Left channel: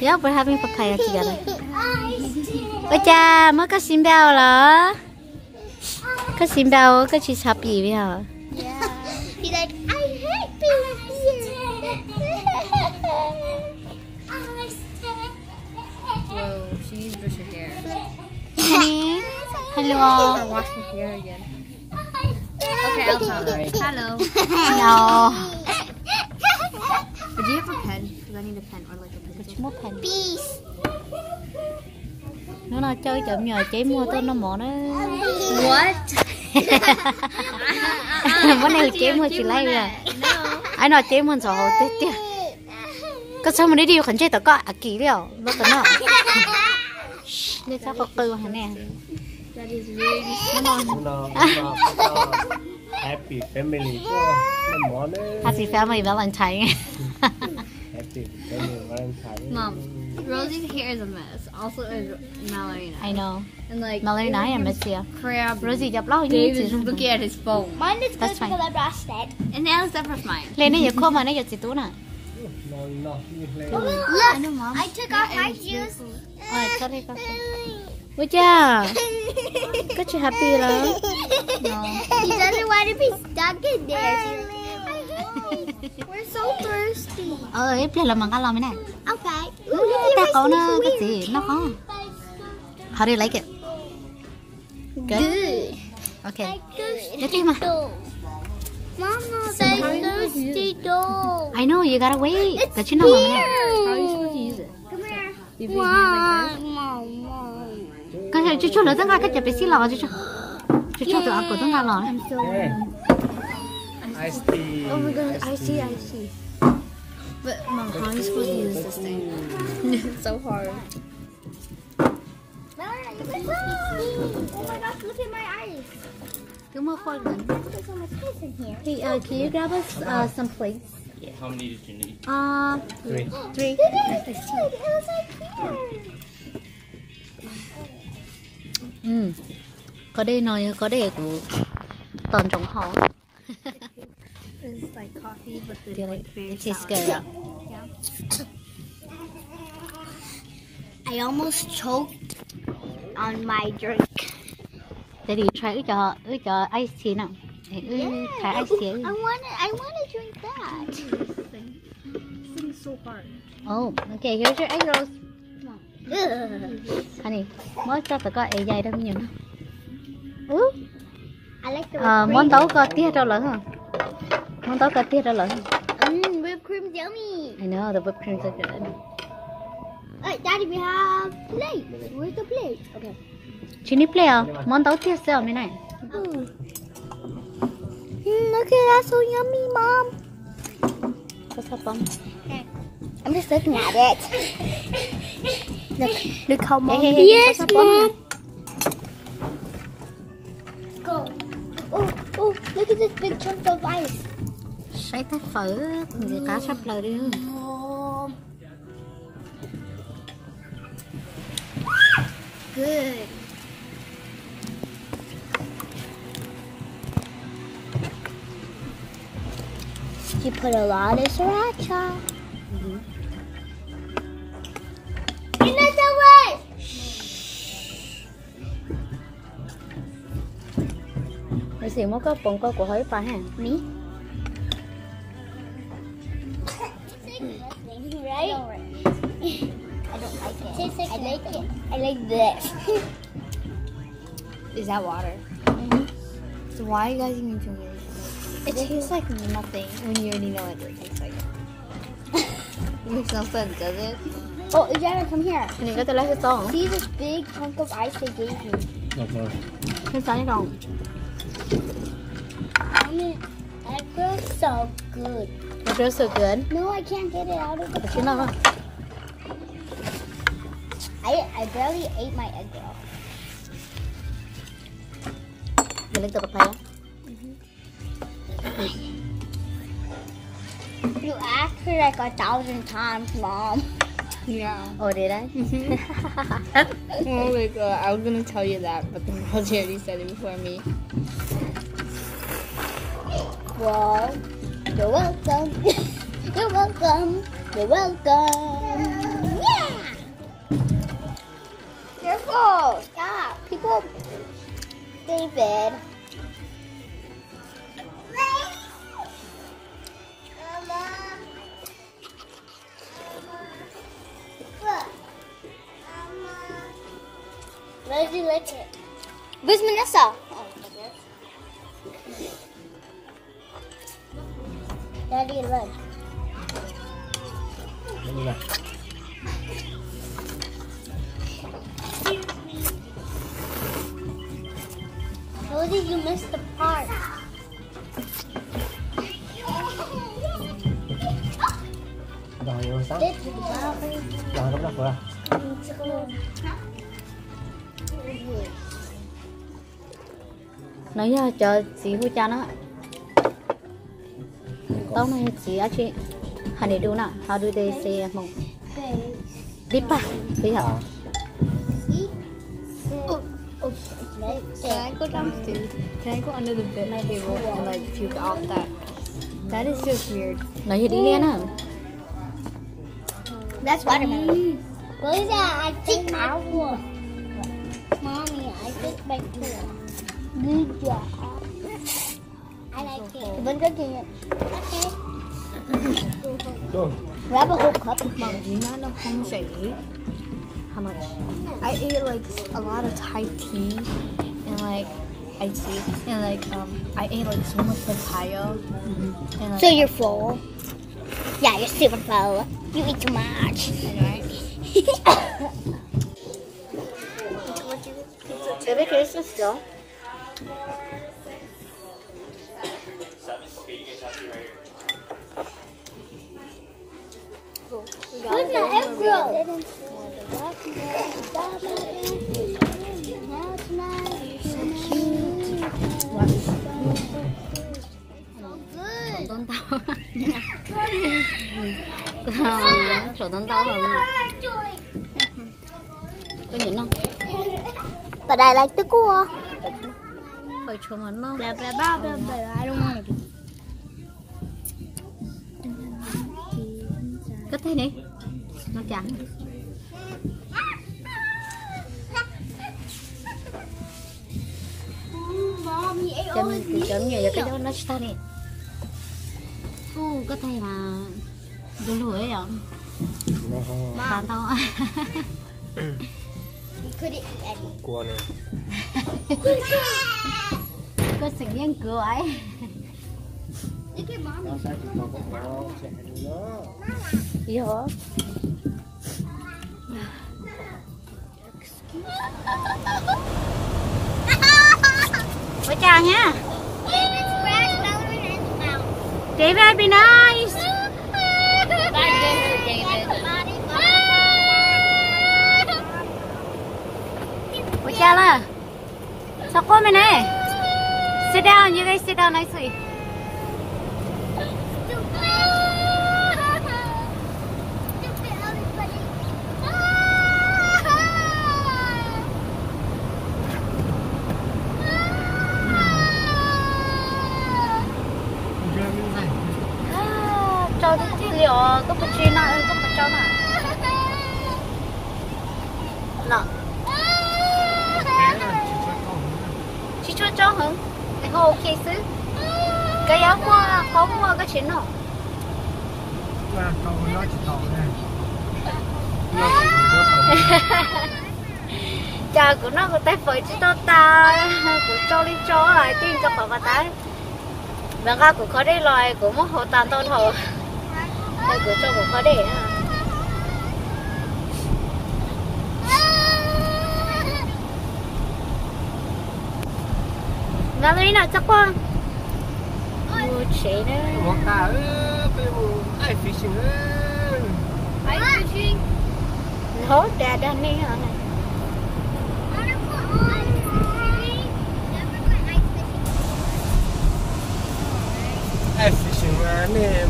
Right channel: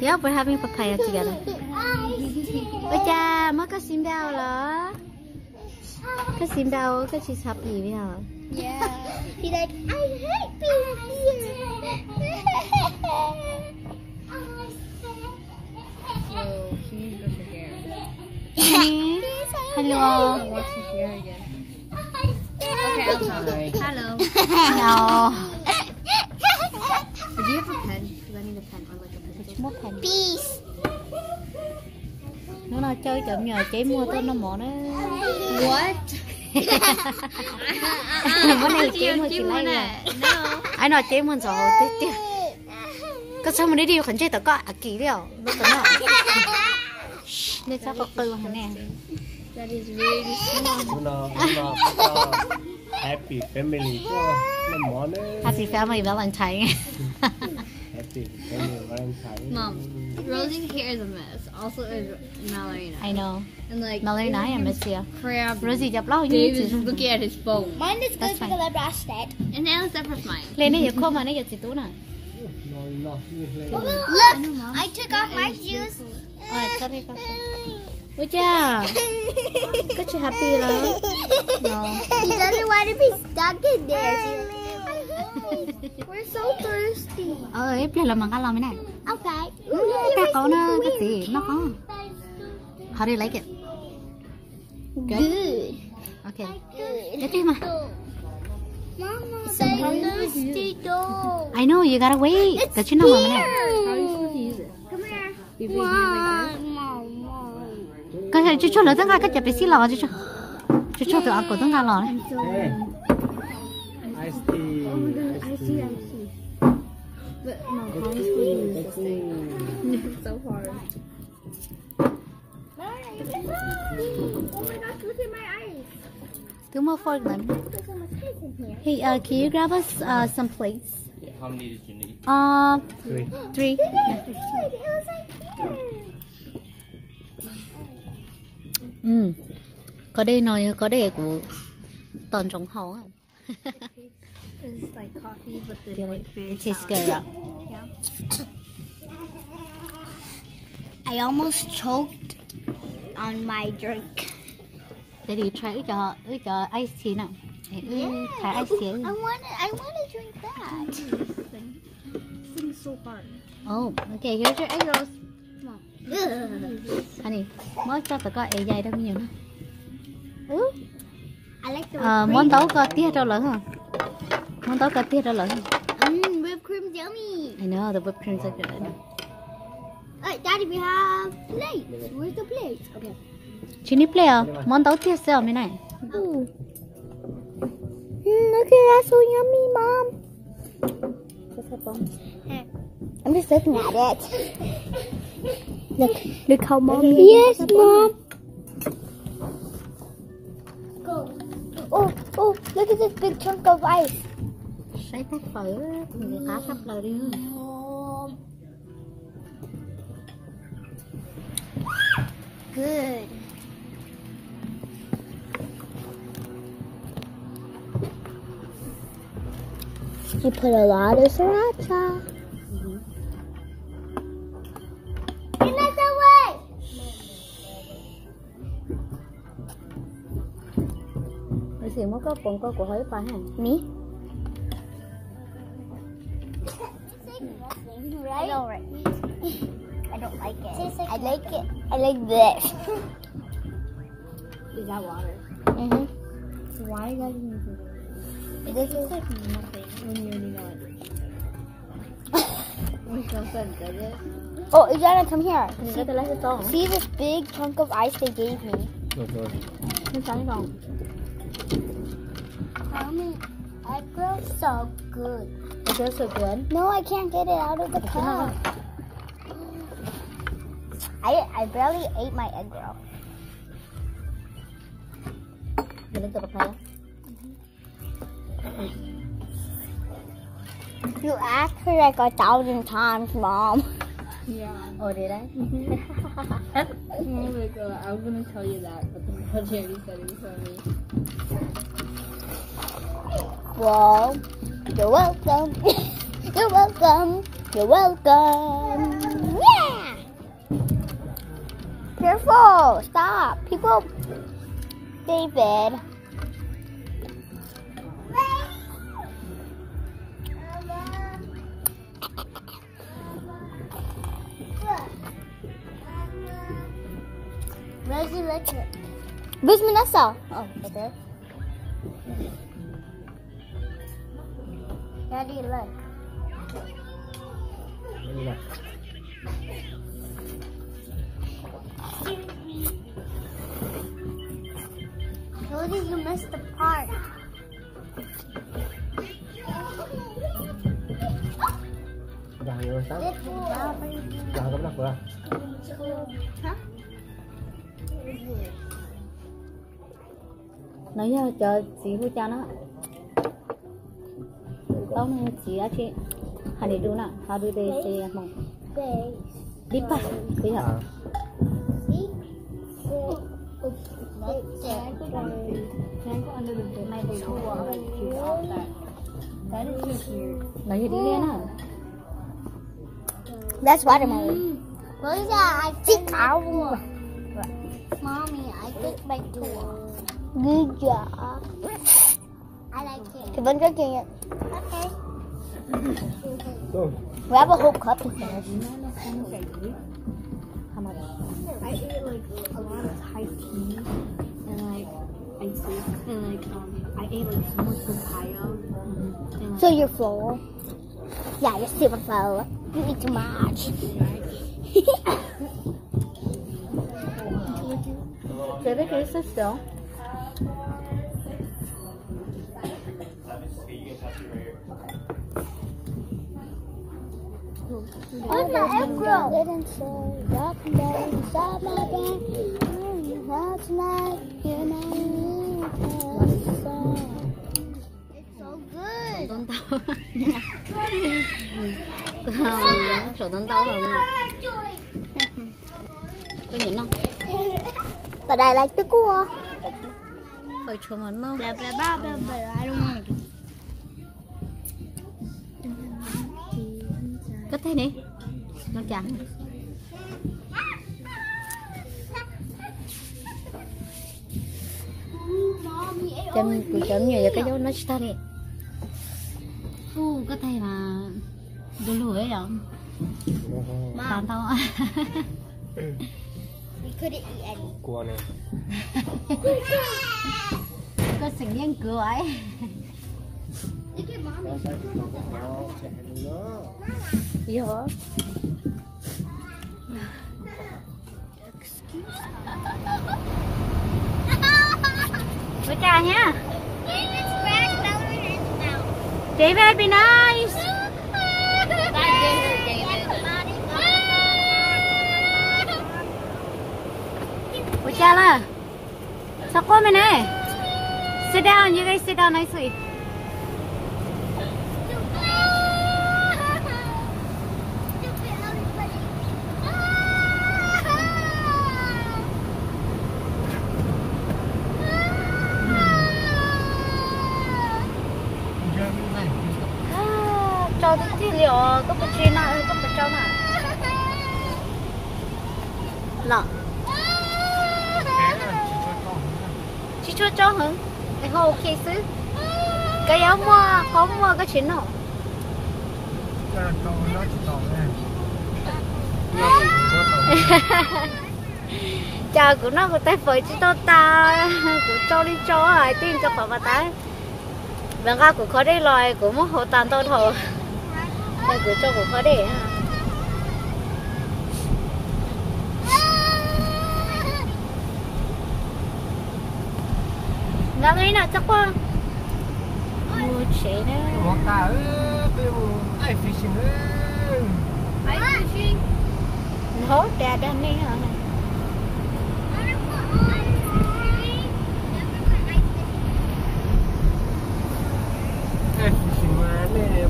Yeah, we're having papaya together. Ôi cha, mới có sim bao là. Có sim bao, có chị happy với hả? Yeah. He's like, I hate being here. Whoa, she used her hair. Honey, hello. Wash her hair again. Okay, Elsa. Hello. No. Do you have a pen? Because I need a pen or like a pencil. Which more pen? Peace. Nó nào chơi chậm nhờ chế mua tôi nó mỏ nó. What? Vấn đề chế mua chỉ lấy rồi. Ai nói chế mua rồi tiếc tiếc. Có sao mà đi đi khẩn chế tao có à kỹ liệu. Nó có nó. Nên sao có tư hả nè. That is really small. Happy family có nó món đấy. Happy family Valentine. Happy family Valentine. Mom, Rosie's hair is a mess. Also is Mallory. I know. And like Mallory nói là mess here. crab. Rosie chụp lâu như Dave is thế. looking at his phone. Mine is good That's fine. because I brushed it. And now it's different for mine. Lên đây giờ khô mà nó giờ chỉ tú nè. No. Look, I took off my shoes. Ôi, sorry. Ôi cha. Có chị happy rồi. He doesn't want to be stuck in there. We're so thirsty. Ê, bây giờ mà ăn lòng này. Okay. Ta có nó cái gì? Nó có. How do you like it? Good. Okay. Let's đi mà. Mama, I'm thirsty though. I know you gotta wait. But you know này. How are you supposed to use it? Come here. You put it Mom. Cái chú nữa tất cả cái chụp bị xí lò chú. Chú tụi ăn của tất cả lò này. Ice tea. Oh my god, I see. But Mom, how are you supposed to use this thing? It's so hard. Oh my gosh, look at my eyes. Cứ mua phôi gần. There's so much ice in here. Hey, can you grab us some plates? How many did you need? 3. Look at it. It was like here. Có đây nói có đây của toàn tổng họ. It's like coffee, but the Feel like it? very It tastes sour. good. Yeah. I almost choked on my drink. Để đi try ướt cho ice tea nào. Thả ice tea. I want to drink that. This thing's so hard. Oh, okay, here's your egg rolls. Ugh. Honey, mới cho tụi con egg dày đâu nhiều nữa. I like the Món tấu có tiết đâu lớn hả? Món tấu có tiết đâu lớn hả? whipped cream's yummy. I know, the whipped creams are good. Alright, Daddy, we have plates. Where's the plates? Okay. Chị need play không? Món tấu tiết sao mấy này? Look at that, so yummy, Mom. What's up, Mom? I'm just looking at it. Look how Mom. Hey, Yes, what's up, Mom. Go. Oh, look at this big chunk of ice. Sấy tay phở, người ta sắp lời đi. Mom. Good. You put a lot of sriracha. Get that away! Mình xỉu mất có bụng có của hơi pa ha. Me? Right? I don't like it. I like it. I like this. Is that water? So why are you guys even drinking it? It tastes like nothing when you already know what it tastes like. It makes no sense, does it? Oh, Jana, come here. Mình có thể lấy cái tô. See this big chunk of ice they gave me. Cái trái đâu? That feels so good. It feels so good. No, I can't get it out of the But you know pot. what? I barely ate my egg roll. Mình lấy từ papaya. You asked her like 1,000 times, Mom. Yeah. Oh, did I? Oh my god, I was gonna tell you that, but then Rosie already said it before me. Well, you're welcome. You're welcome. You're welcome. Yeah. Careful. Stop. People. David. Where's the liquor? Where's Vanessa? Oh, right there. Daddy, run. Rosie, you missed the part. Rồi sao? Rồi không bắt vừa. Nói cho chị hỗ trợ nó. Tao nói chị á chị. Hành đểดูnào, how do they say mong? Đi pa, bây giờ. Can I go downstairs? Can I go under the bed table and like puke out that? That is just weird. Nói gì đi lên á? That's watermelon. What is that? I think I will. Mommy, I think my good. Good job. I like it. You've been drinking it. Okay. Grab a whole cup. Mom, do you not know how much I ate? How much? I ate like a lot of Thai tea and like iced tea and like I ate like so much papaya. And, like, So you're full? Yeah, you're super full. You eat too much. Chị biết cái sốt sữa. Where's my egg roll? Tốn tao. Sổ tốn tao rồi. Có nhìn không? But I like the cool. Bởi chỗ mình nó. Blah blah blah blah blah. I don't want to. Cất thế đi. Nó trắng. Chấm nhiều cái đó nó ta đi. Cất thế mà đủ lưỡi rồi. Bán tao. Cua này. Có sự nghiêng cửa ấy. Gì hả? Bye chào nha. David, be nice. Bye chào là. Sao cô mày này? Sit down, you guys sit down nicely. Cho cái gì liệu có phải chơi nào có phải cho nào? Nào. Chị cho hả? Cái hồ ok xứ. Cái áo hoa, có mua cái chuyện nào? Chà của nó của tay phơi chứ tao ta của cho đi cho ai tin cho khỏi mà tay. Vâng ra của khó đây loài của một hộ tàn to thổ. Đây của cho của khó để ha. Vâng ấy nào chắc qua. Mua chế đó. Ai fishing? Hi, fishing. Nó đà đà này hả? Ai fishing mà nè.